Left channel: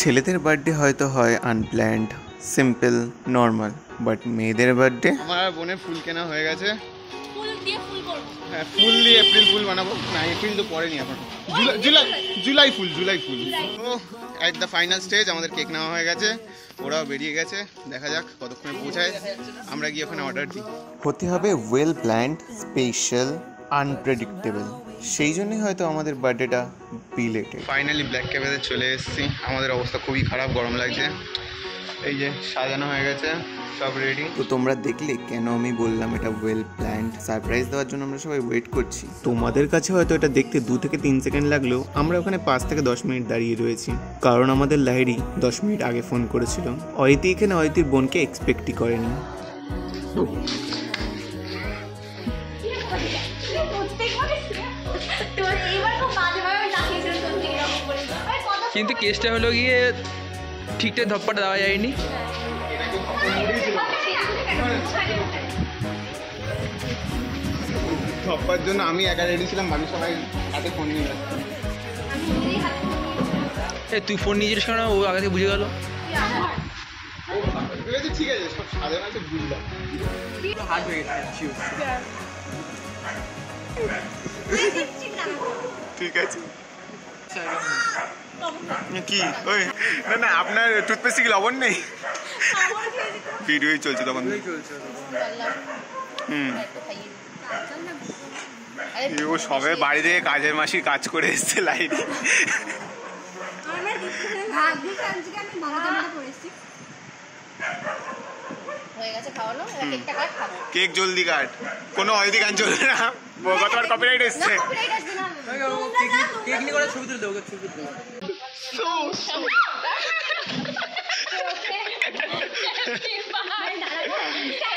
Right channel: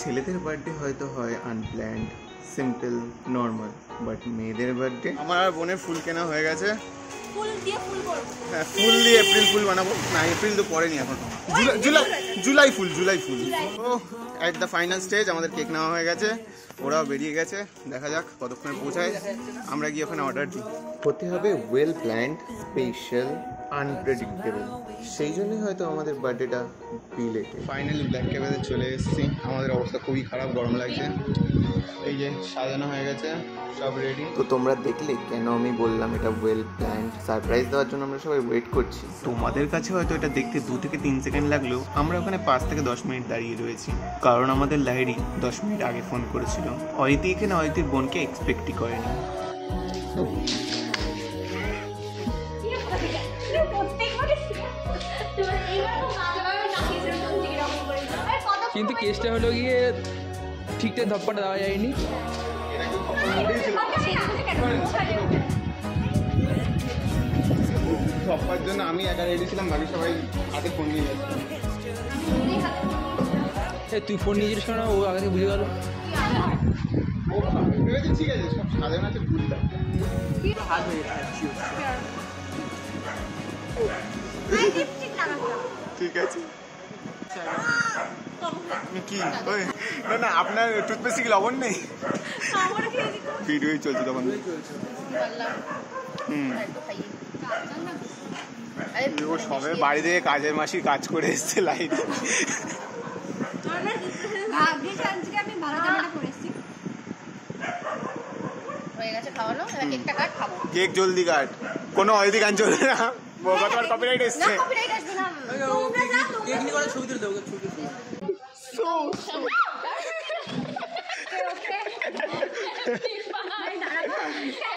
ছেলেদের বার্থডে হয়তো হয় আনপ্ল্যান্ড, সিম্পল, নর্মাল, বাট মেয়েদের বার্থডে। আমার বোনের ফুল কেনা হয়ে গেছে। ফুল দিয়ে ফুল করব। হ্যাঁ, ফুল দিয়ে এপ্রিল ফুল বানাবো। না, এপ্রিল তো পরেনি এখন, জুলাই ফুল। ও এট দ্য ফাইনাল স্টেজ, আমাদের কেক নেওয়া হয়ে গেছে, ওরাও বেরিয়ে গেছে। দেখা যাক কতক্ষণে পৌঁছায়, আমরা গিয়ে ওখানে অর্ডার দিই। হতে হবে ওয়েল প্ল্যান্ড, স্পেশাল, আনপ্রেডিক্টেবল। সেই জন্যই হয়তো আমাদের বার্থডেটা বিলেটেড। ফাইনালি ব্ল্যাক ক্যাবেতে চলে এসেছি। আমাদের অবস্থা খুবই খারাপ, গরম লাগছে। এই যে সাজানো হয়ে গেছে, সব রেডি। তো তোমরা দেখলে কেন আমি বললাম এটা ওয়েল প্ল্যান্ড। সারপ্রাইজ দেওয়ার জন্য আমরা সবাই ওয়েট করছি। তোমাদের কাছে হয়তো এটা দেখতে 2 থেকে 3 সেকেন্ড লাগলেও আমরা ওখানে 5 থেকে 10 মিনিট দাঁড়িয়ে রয়েছি, কারণ আমাদের লাইরি 10 মিনিট আগে ফোন করেছিল। অয়তি এখানে অয়তির বোনকে এক্সপেক্টই করেনি। কিন্তু কেসটা হলো গিয়ে ঠিকঠাক ধপ্পাটা দেওয়া যায়নি। ধপ্পার জন্য আমি একা রেডি ছিলাম, বাকি সবাই হাতে ফোন নিয়ে যাচ্ছে। তুই ফোন নিয়েছিস কেন? ও আগে থেকে বুঝে গেল। ঠিক আছে, সব সাদা মাছের বুঝলাম, হাত হয়ে গেছে। ঠিক আছে। কি ওই না আপনার টুথপেস্টে কি লবণ নেই? ভিডিওই চলছে তখন। ও সবে বাড়ি থেকে কাজের মাসির কাজ করে এসছে লাইনে। কেক জলদি কাট, কোনো অয়দি গান চলবে না, গতবার কপিরাইট এসছে।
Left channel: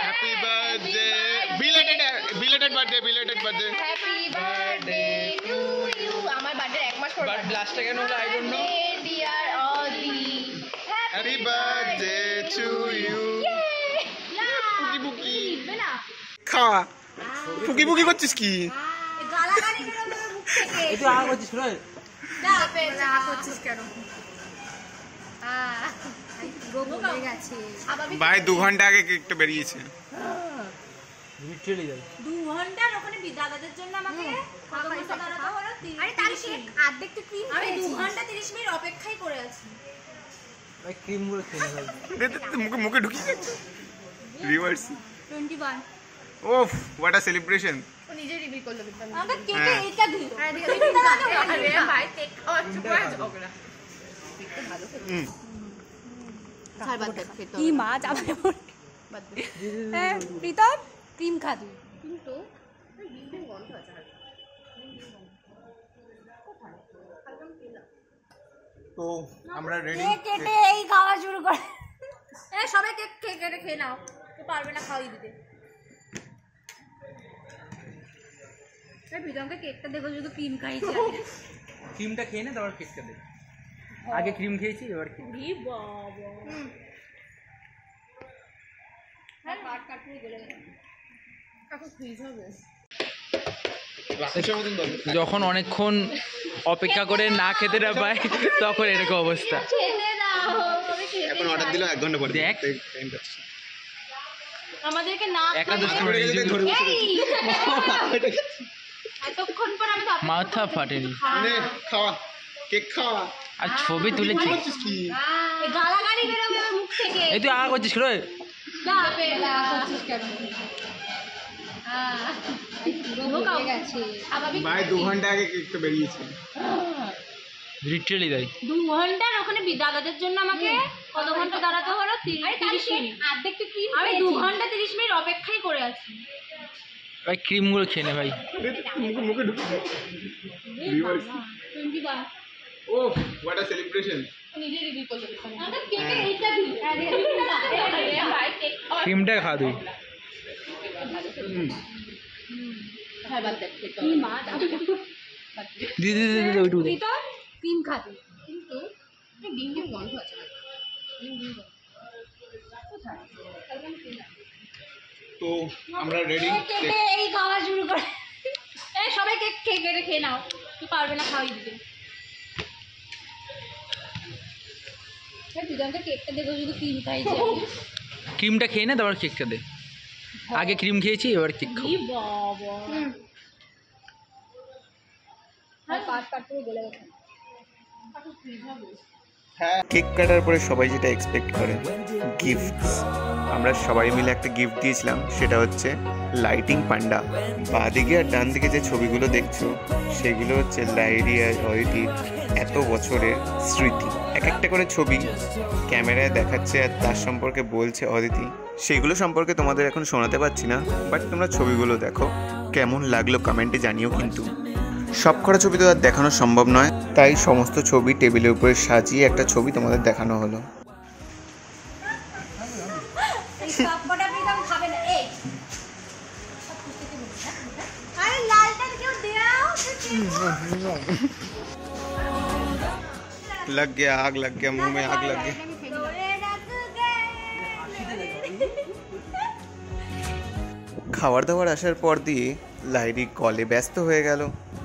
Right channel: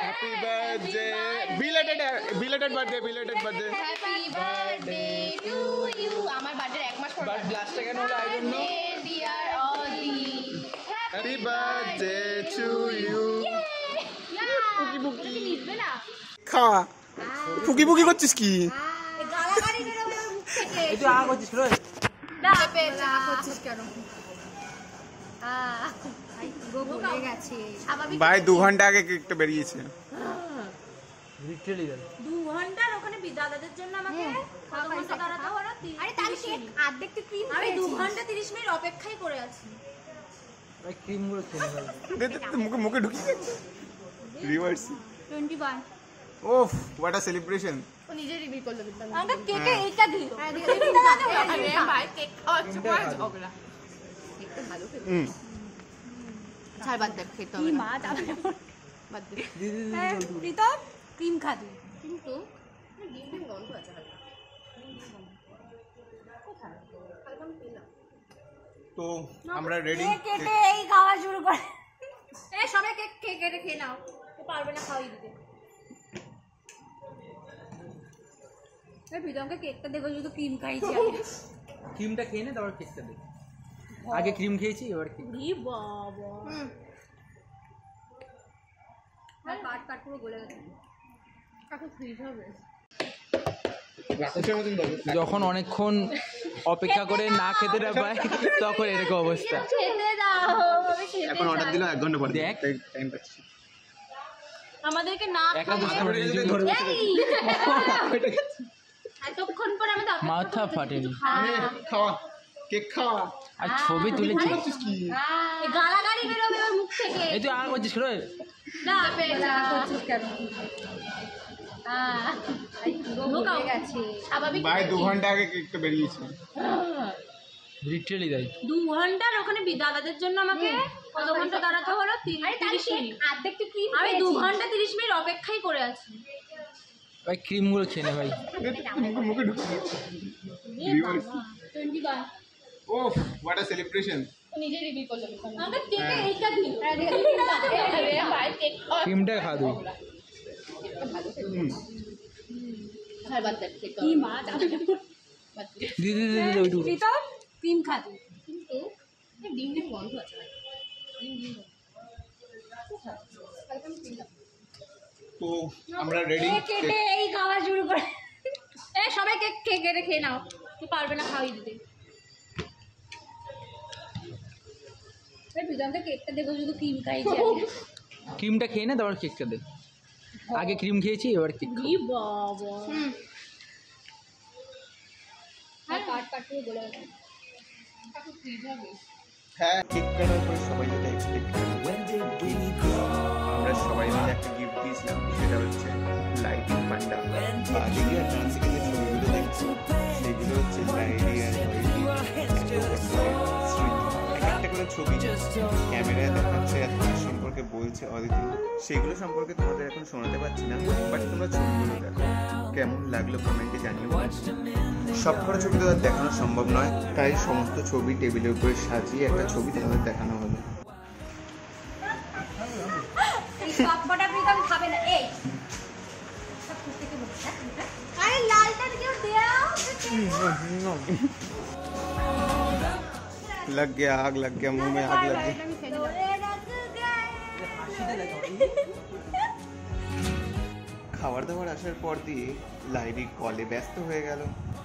Happy birthday, belated birthday. Happy birthday to you. আমার বার্থডে 1 মাস পর। বাট লাস্টে কেন হলো I don't know. Dear Adi, Happy birthday to you. Pookie খা। পুকি করছিস কি? গালাগালি বেরোবে মুখ থেকে। এটা আর করছিস রে? না পেছা করছিস কেন? বলে গেছে ভাই 2 ঘন্টা আগে কেকটা বেরিয়েছে। লিটারালি 2 ঘন্টার ওখানে বিদ্যালয়দের জন্য আমাকে কত ঘন্টা দাঁড়াতে হলো? আরে তাহলে সে অর্ধেকটা ক্রিম আমি 2 ঘন্টা 30 মিনিট অপেক্ষাই করে আছি। ওই ক্রিম গুলো খেয়ে দে মুখে ঢুকিয়ে গেছে। রিভার্স 21। ওফ, হোয়াট আ সেলিব্রেশন। ও নিজে রিভিল করলো কিন্তু আমাকে কেটে এইটা দিল। আরে ভাই কেক খাওয়াচ্ছ কয় ঝগড়া। কেকটা ভালো খেতে। ছাড় বাদ দে খেতে কি মা যাবে বাদ দে। প্রীতম ক্রিম খাবি কিন্তু ডিম গন্ধ আছে হালকা। তো আমরা রেডি। কেটে এই খাওয়া শুরু করে। এই সবাই কেক কেটে খেয়ে নাও, তুই পারবে না খাওয়াই দিতে। এই প্রীতমকে কেকটা দেখো, শুধু ক্রিম খাইছে। ক্রিমটা খেয়ে নে, তারপর কেকটা দে। আগে ক্রিম খেয়েছি, এবার কি বাবা হ্যাঁ কাট পুরো গলে গেছে। এখন ফ্রিজ হবে। যখন অনেকক্ষণ অপেক্ষা করে না খেতে না পায় তখন এরকম অবস্থা। এখন অর্ডার দিলাম 1 ঘন্টা পরে। দেখ আমাদেরকে না একাদশ করে নিজে ধরে এতক্ষণ পরে আমি মাথা ফাটেনি। খাওয়া কেক খাওয়া আর ছবি তুলেছি কি? গালাগালি বেরোবে মুখ থেকে। এই তুই আগা করছিস রে? না পেলা করছিস কেন? ভাই 2 ঘন্টা আগে কেকটা বেরিয়েছে। লিটারালি তাই 2 ঘন্টার ওখানে বিদ্যালয়দের জন্য আমাকে কত ঘন্টা দাঁড়াতে হলো? 30 মিনিট। অর্ধেকটা ক্রিম আমি 2 ঘন্টা 30 মিনিট অপেক্ষাই করে আছি। ভাই ক্রিম গুলো খেয়ে নে ভাই। মুখে ঢুকিয়ে রিভার্স 21। ওফ, হোয়াট আ সেলিব্রেশন। নিজে রিভিল করলো আমাকে কেকে এইটা দিল। আরে ভাই কেক ক্রিমটা খা তুই। ছাড় বাদ দে কি মা যাবে দিদি ওইটুকু প্রীতম ক্রিম খাবি কিন্তু ডিম গন্ধ আছে। তো আমরা রেডি। কেটে এই খাওয়া শুরু করে। এই সবাই কেক কেটে খেয়ে নাও, তুই পারবে না খাওয়াই দিতে। ক্রিমটা খেয়ে নে তারপর কেকটা দে। আগে ক্রিম খেয়েছি এবার কেক খাবো। হ্যাঁ, কেক কাটার পরে সবাই যেটা এক্সপেক্ট করে গিফট, আমরা সবাই মিলে একটা গিফট দিয়েছিলাম, সেটা হচ্ছে লাইটিং পান্ডা। বাঁদিকে আর ডান দিকে যে ছবিগুলো দেখছো সেগুলো হচ্ছে লাইরি আর অদিতির এত বছরের স্মৃতি। এক একটা করে ছবি ক্যামেরায় দেখাচ্ছে আর তার সম্পর্কে বলছে অদিতি। সেগুলো সম্পর্কে তোমাদের এখন শোনাতে পারছি না, বাট তোমরা ছবিগুলো দেখো, কেমন লাগলো কমেন্টে জানিও। কিন্তু সব কটা ছবি তো আর দেখানো সম্ভব নয়, তাই সমস্ত ছবি টেবিলের উপরে সাজিয়ে একটা ছবি তোমাদের দেখানো হলো। लग गया आग, लग गया मुंह में आग लग गया। খাবার দাবার আসার পর দিয়ে লাইরি কলে ব্যস্ত হয়ে গেল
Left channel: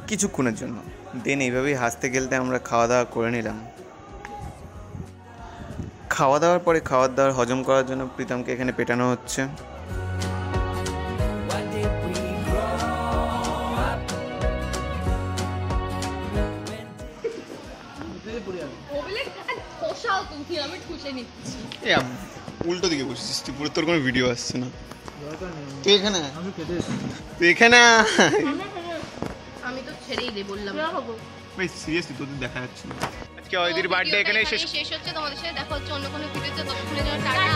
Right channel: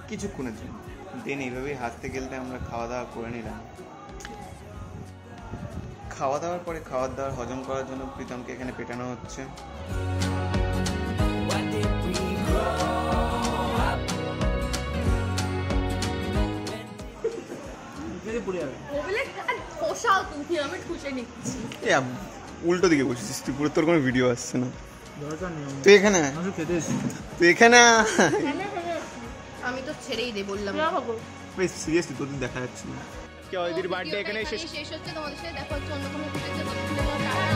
কিছুক্ষণের জন্য। দেন এইভাবেই হাসতে খেলতে আমরা খাওয়া দাওয়া করে নিলাম। খাওয়া দাওয়ার পরে খাবার দাবার হজম করার জন্য প্রীতমকে এখানে পেটানো হচ্ছে। উল্টো দিকে বসেছিস তুই, পুরো তোর কোনো ভিডিও আসছে না। তুই এখানে আমি তো ছেড়েই দে বললাম। সিরিয়াসলি তোদের দেখা যাচ্ছে না। আজকে অদিতির বার্থডে এখানে শেষ হচ্ছে। তোমাদের সাথে দেখা হচ্ছে অন্য কোনো ভিডিওতে। ততক্ষণের জন্য টাটা।